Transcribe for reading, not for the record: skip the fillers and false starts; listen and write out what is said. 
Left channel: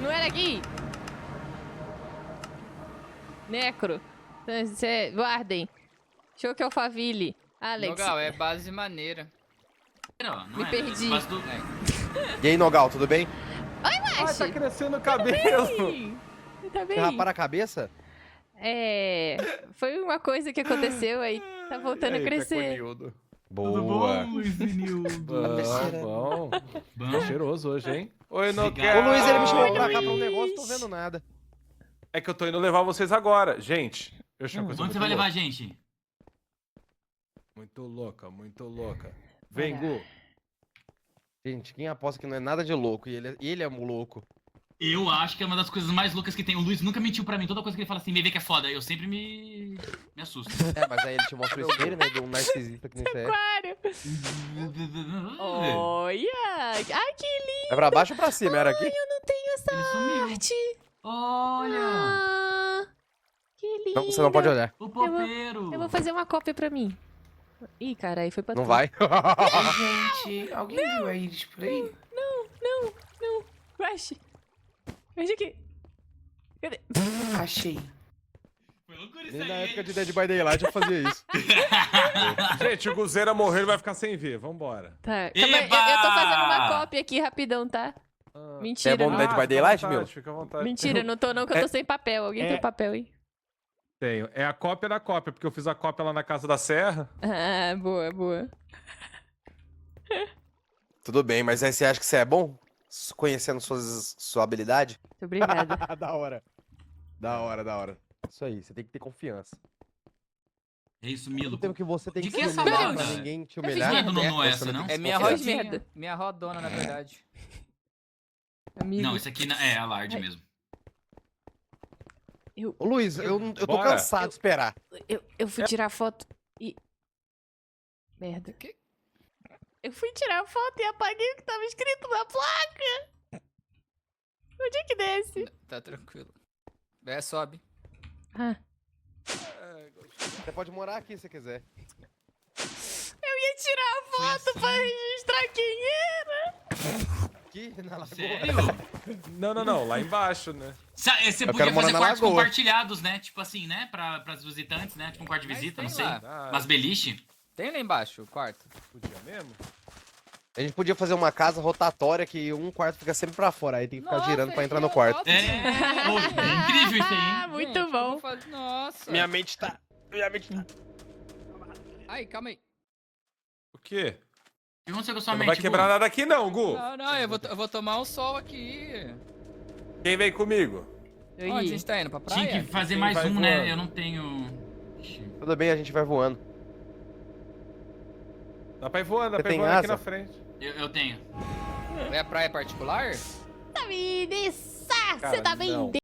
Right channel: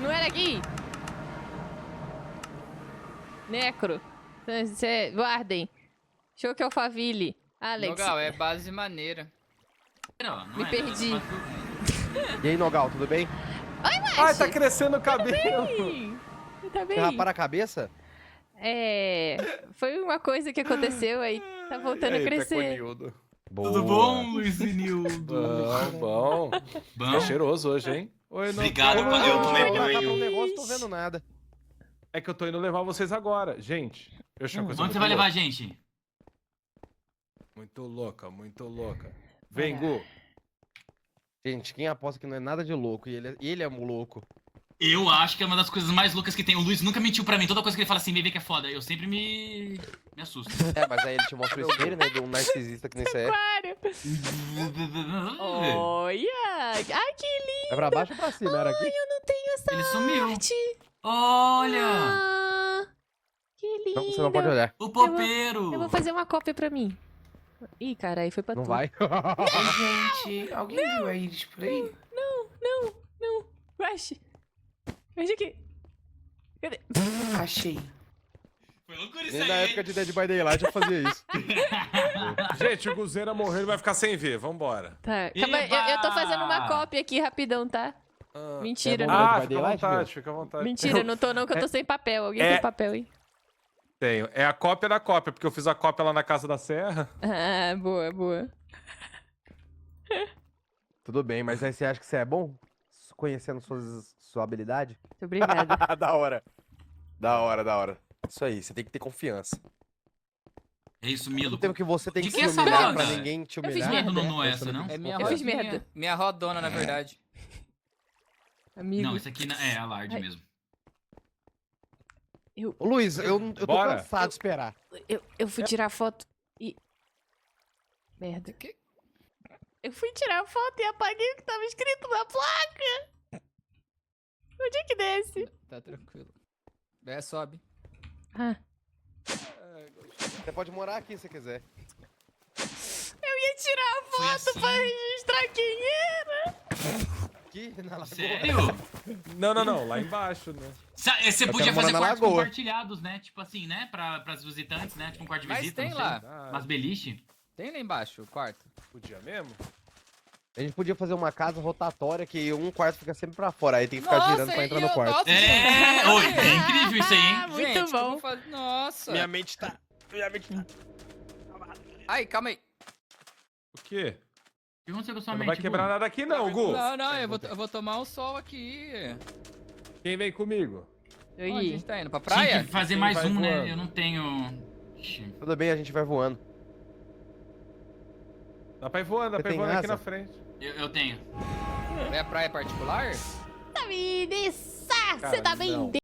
Não era aqui? Necro. Guardem. Show que Alphaville. Alex. Nogal, é base maneira. Não Me perdi. E aí, Nogal, tudo bem? Ai, tá crescendo o cabelo. Tá bem? Quer rapar a cabeça? Foi uma coisa que aconteceu aí. Tá voltando a crescer. Boa. Tudo bom, Luiz Vinildo? Bom. Tá cheiroso hoje, hein? Oi, Ô, Nogal. Luiz, ele me chamou pra cá pra um Luiz. negócio, tô vendo nada. É que eu tô indo levar vocês agora. Gente, eu achei uma coisa Onde muito você vai levar a louca. gente? Muito louca, muito louca. Vem, Caralho. Gu. Gente, quem aposta que não é nada de louco e ele é um louco. Eu acho que é uma das coisas mais loucas que tem. O Luiz nunca mentiu pra mim. Toda coisa que ele fala assim, bebê que é foda, eu sempre me assusto. Mas aí ele te mostra o espelho, né, de um narcisista que nem você é. Aquário. Olha. Ai, que lindo. É pra baixo ou pra cima? Era aqui? Eu não tenho essa Ele sumiu. arte. Olha! Ah, que lindo. Não, você não pode olhar. O popeiro! Eu vou fazer uma cópia pra mim. Ih, cara, aí foi pra Não tu. vai? Oi, gente. Alguém viu a Iris por aí? Não. Crash. Veja aqui. Cadê? Achei. Foi loucura isso Nem aí, na hein? época de Dead by Daylight eu fazia isso. Gente, o Guzeira morreu, ele vai ficar sem ver. Vambora. Tá, calma aí, eu tô fazendo uma cópia aqui rapidão, tá? Mentira, é bom, não. né? Dead by fica à Daylight, vontade, meu? fica à vontade. Mentira, não tô não, que eu tô sem papel. Alguém tem papel aí? Tenho. É a cópia da cópia, porque eu fiz a cópia lá na Casa da Serra. Ah, boa. Tudo bem, mas aí você acha que você é bom? Conhecendo sua habilidade? Muito obrigada. Da hora. Da hora. Isso aí, você tem que ter confiança. É isso, No Milo. tempo que você tem De que que se essa humilhar marca? pra ninguém te Eu fiz humilhar. merda. Não é você essa, tem não? que É se minha Eu fiz rodinha. merda. Minha rodona, na verdade. Amigo, Não, esse aqui é a Lard Ai. mesmo. Ô, Luiz, eu tô Bora. cansado de esperar. eu fui tirar foto e... Merda. Que? Eu fui tirar foto e apaguei o que tava escrito na placa. Onde é que desce? Tá tranquilo. Sobe. Ah, Você pode morar aqui se quiser. eu ia tirar a foto pra registrar quem era. Aqui, na lagoa. Sério? Não, lá embaixo, né? Você Eu podia quero morar fazer na quartos lagoa. compartilhados, né? Tipo assim, né? Pras visitantes, né? Tipo um quarto de Mas visita, tem não sei. lá. Mas beliche. Tem lá embaixo, o quarto. Podia mesmo? A gente podia fazer uma casa rotatória que um quarto fica sempre pra fora, aí tem que ficar girando pra entrar no quarto. Nossa, É incrível isso aí, Ah, hein? muito gente, bom. como faz- Nossa. Minha mente tá... Ai, calma aí. O quê? O que aconteceu com a sua Não mente, vai quebrar nada aqui não, Gu. Não, eu vou tomar um sol aqui. Quem vem comigo? Eu Onde a ia. gente tá indo? Pra Tinha praia? que fazer Quem mais vai um, né? voando? Eu não tenho... Tudo bem, a gente vai voando. Dá pra ir voando, Você dá pra ir tem voando aqui asa? na frente. Eu tenho. É a praia particular? Tá me Você tá bem Cara, não.